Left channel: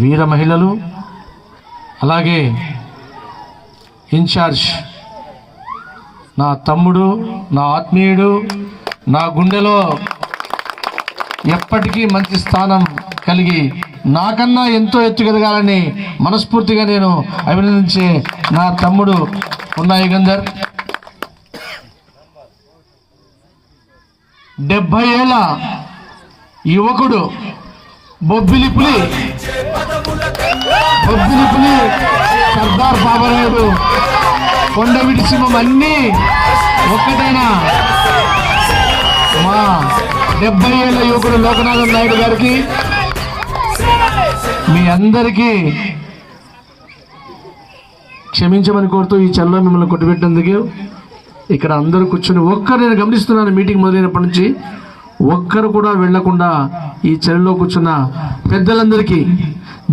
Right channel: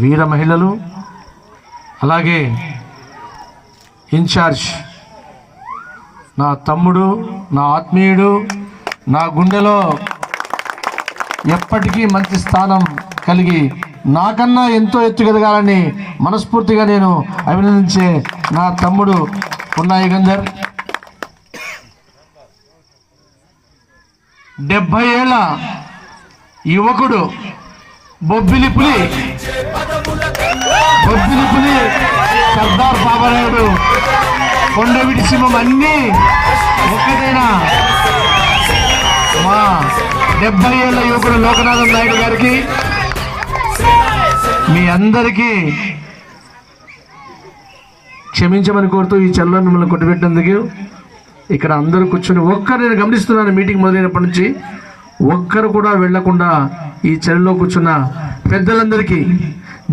వీర మహిళలు, అలాగే ఇన్ఛార్జ్ నా తమ్ముడు, నా ఆత్మీయుడు, నా గుండెలో ఎప్పటికీ మంచి స్థానం కలిగి నాకన్నా ఎంతో ఎత్తుకెదగాలని మనస్ఫూర్తిగా నేను అభినందించే నా తమ్ముడు పున్నా యుగంధర్. 70 ఏళ్ల యువకుడు బొబ్బిలిపులి సర్దార్ బాబారాయుడు, కొండవీటి సింహం అన్నీ ఒక్కటైనా మా 70 ఏళ్ల యువకుడు లోకనాథం నాయుడు గారికి, మీ అందరికీ క్షమించమని కోరుతూ ఈ చల్ల మిమ్మల్ని కొట్టుబెట్టేందుకు ఇక్కడ అందరూ కూర్చొని ఒక్కరు, నేను గమనిస్తున్నాను మీటింగ్ మొదలైనప్పటి నుంచి ఒక్కరు కూడా వెళ్లకుండా ఈ చెరువులో కూర్చున్న పెద్దలందరికీ,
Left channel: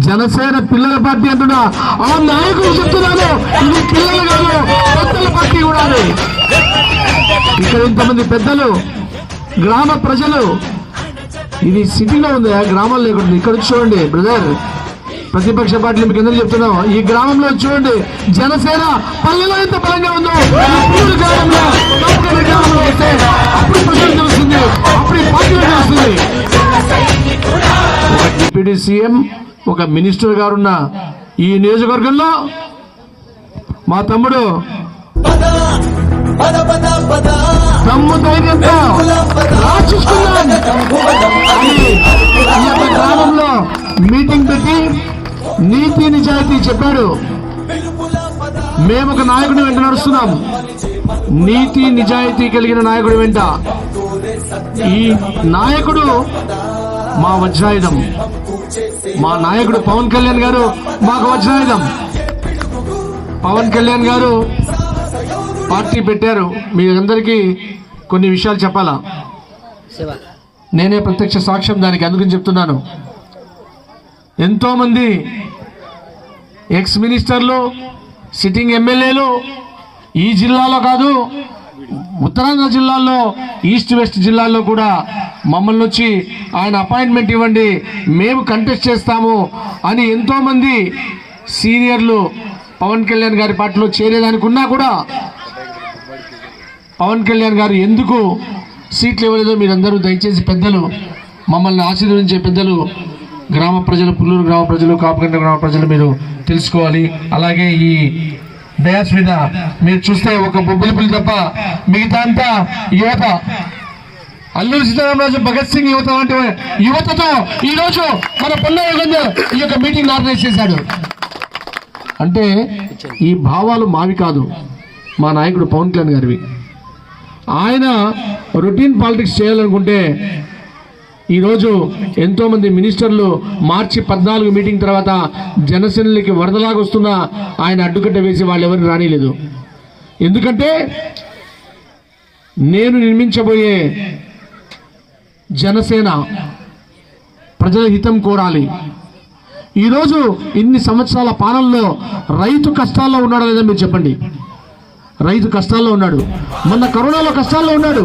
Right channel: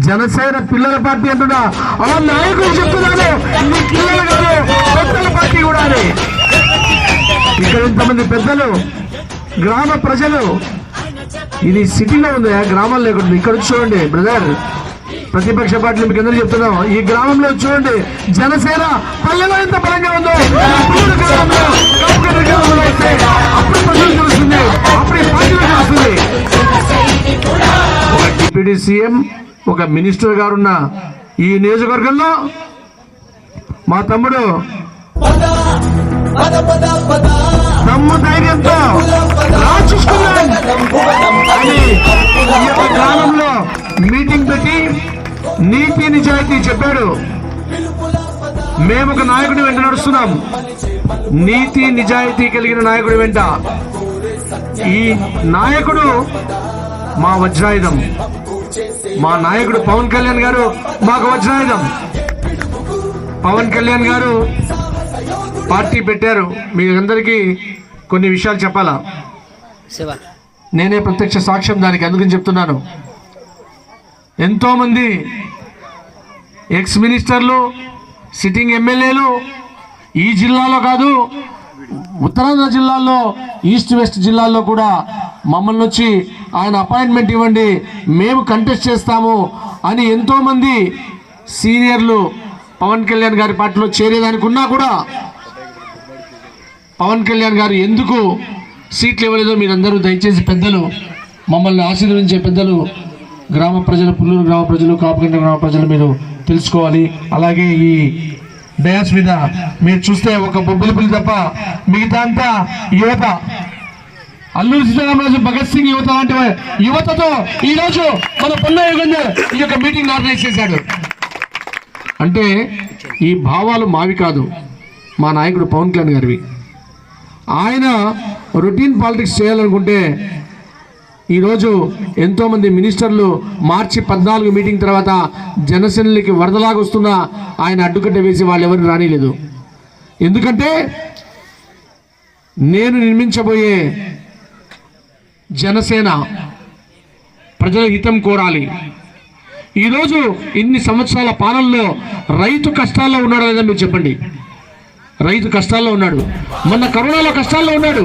జనసేన పిల్లల పార్టీ అంటున్నా ఆ నాయకులు చెప్తున్నాను, ఇది పిల్లలు కాదు పెద్దల పార్టీ కూడా. ఇక్కడ ఇంతమంది పెద్దలు, గ్రామ ప్రజలు, ఇది సిటీలో ఉంది, గ్రామాల్లో లేకుండా. ఇక్కడ చూడండి బ్రదర్, ప్రతిపక్ష పార్టీలు మీకు అందరూ చెప్తున్నాం, ఈ గ్రామంలో చూడండి జనసేన పల్లెలో ఎంత బలంగా ఉందో తెలుస్తుంది, ఒక డిప్యూటీ సీఎం, ఒక మినిస్టర్ గారున్న ఈ నియోజకవర్గంలో మా తమ్ముడు దమ్ము ధైర్యంతో రాచుకున్నాం అని ఈ గ్రామంలో మీటింగ్ పెట్టి నీతి నిజాయితీ చెప్పాడు. మేము ఒక నాయకుడి వెంట నడుస్తున్నాం, నీతి నిజాయితీ కలిగిన నాయకుడి వెంట. ఈ నాయకుడు మా వజ్రాయుధం, మా నాయకుడు పవన్ కళ్యాణ్ గారు మాకు వజ్రాయుధం. పవన్ కళ్యాణ్ గారు పార్టీ పెట్టారు, మీ అందరికీ కొన్ని విషయాలు చెప్పాలా, నేనే ప్రత్యక్ష సాక్ష్యం దానికి, అందుకని చెప్తున్నాను. ఎంతో మంది ఎక్స్ మినిస్టర్లు, సిట్టింగ్ ఎమ్మెల్యేలు ఈ జిల్లాలో కాదు ఉత్తరాంధ్ర జిల్లాల్లో, ఈస్ట్ వెస్ట్ జిల్లాల్లో కూడా మమ్మల్ని వచ్చి ఆయన అపాయింట్మెంట్ ఇవ్వండి, మేము కంటెస్ట్ చేస్తాము అని ఎంతో మంది సీనియర్లు పవన్ కళ్యాణ్ గారి పార్టీలో చేరేదానికి ఉన్నా కూడా పవన్ కళ్యాణ్ గారు ఎందుకు సీట్లు ఇవ్వలేదో మీరందరూ దయచేసి పెద్దలు, మమ్మల్ని ఆశీర్వదించే పెద్దలు, గ్రామ ప్రజలు, పుల్లూరు గ్రామ ప్రజలు, కాపుగండ గ్రామ ప్రజలు మీరు తెలుసుకోవాలి. అలాగే ఈ డయాస్ మీద మీరు చూస్తే ఒక బొబ్బిలిపులి తప్ప మిగతా అంతా యువత, అల్లూరి సీతారామరాజు, భగత్ సింగ్ యువత లాంటి యువతతో ఈరోజు మన పున్నా యుగంధర్ ఈ యొక్క మీటింగ్ ఆర్గనైజ్ చేశాడు. అంటే ఈ భావాలు మావి కాదు, మా నాయకుడు పవన్ కళ్యాణ్ గారివి. ఆయన రొటీన్ పాలిటిక్స్ చేయాలనుకుంటే ఈరోజు ఎంతోమంది మినిస్టర్లు మార్చి 14 మీటింగ్ తర్వాత జనసేనలకి వరదలాగా వస్తున్నా ఆయన అడ్డుకట్ట వేసి వాళ్ళు ఎవరు రానిలేదు. ఎందుకంటే నేను నిర్మించబోయే జనసేన ప్రజల హితం కోరాలి. ఈరోజు ఇన్ని సంవత్సరాల పాలనలో రైతు కష్టాల్లో ఉన్నాడు లేదా మీరు చెప్పండి. రైతు కష్టాల్లో ఉన్నాడు, మొన్న కరోనాలో కష్టాల్లో ఉన్నాడు,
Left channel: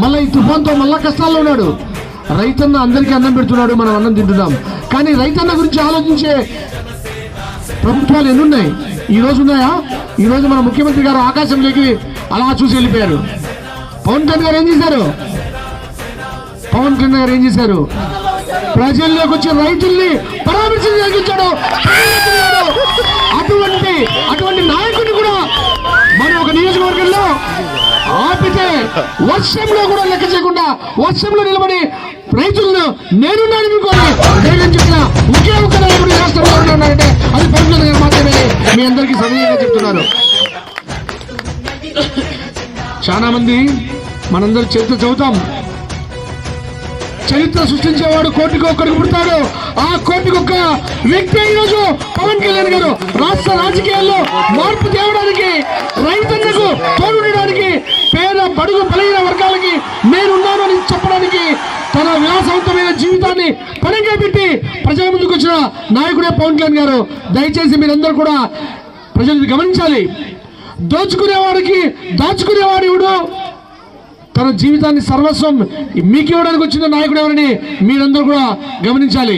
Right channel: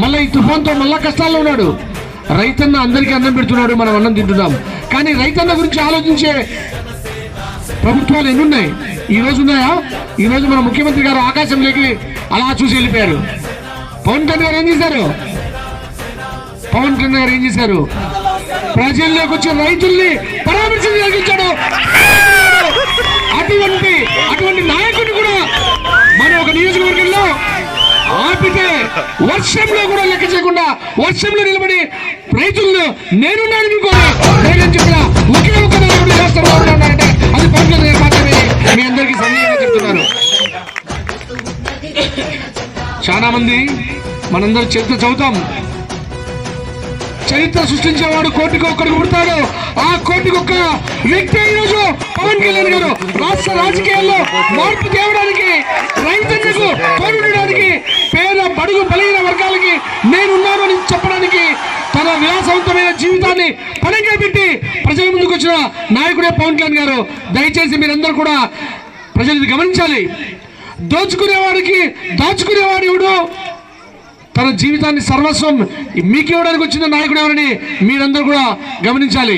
మళ్ళీ ఈ తుఫాన్తో మళ్ళా కష్టాల్లో ఉన్నాడు. రైతన్న అందరికీ అన్నం పెడుతున్నాడు, మనం అన్నం తింటున్నాం. కానీ రైతన్న గురించి ఆలోచించే ప్రభుత్వాలు ఎన్నున్నాయి? ఈ రోజు ఉన్నాయా? ఈ రోజు మన ముఖ్యమంత్రి గారు ఆకాశంలోకి అలా చూసి వెళ్ళిపోయారు. పవన్ కళ్యాణ్ గారు ఏం చేశారు? పవన్ కళ్యాణ్ గారు ఏం చేశారు? ప్రజల్లోకి వచ్చే రైతుల్ని పరామర్శలు జరిగించాడు. అటువంటి నాయకుడిని కూడా మన ఒక నియోజకవర్గంలో ఆపితే వర్షంలో కూడా లెక్క చేయకుండా వర్షంలో నిలబడి రైతులను నేనున్నాను అనుకోని ధైర్యం చెప్పిన ఒకే ఒక్క నాయకుడు రాష్ట్రంలో ఉన్నాడంటే అది పవన్ కళ్యాణ్ గారు మాత్రమే. మీ అందరికీ సమయంగా చెప్తున్నాను. చాలా మంది మనందరూ చరిత్ర చదువుతాం, చరిత్ర సృష్టించేవాడు కోటికి ఒక్కడికి పుడతాడు. ఆ కోటికి ఒక్క వ్యక్తి ఈరోజు పవన్ కళ్యాణ్ గారు రాష్ట్ర రాజకీయాల్లో మార్పు తేవడానికి, రైతులకు తోడుండడానికి, పేద బడుగు బలహీన వర్గాలకి నేనున్నానని చెప్పడానికి తన విలాసవంతమైన జీవితాన్ని పణంగా పెట్టి ప్రజల ముందుకు వచ్చిన నాయకుడే పవన్ కళ్యాణ్ గారు. దయచేసి మీరందరూ కూడా ప్రజలు గమనించాలి. దోచుకునేవాడికి దాచుకునేవాడు ఎవడు? తన జీవితాన్ని సర్వస్వం మీకు ఇవ్వడానికి వచ్చిన నాయకుడు ఎవరని మీరందరూ కూడా గమనించాలి.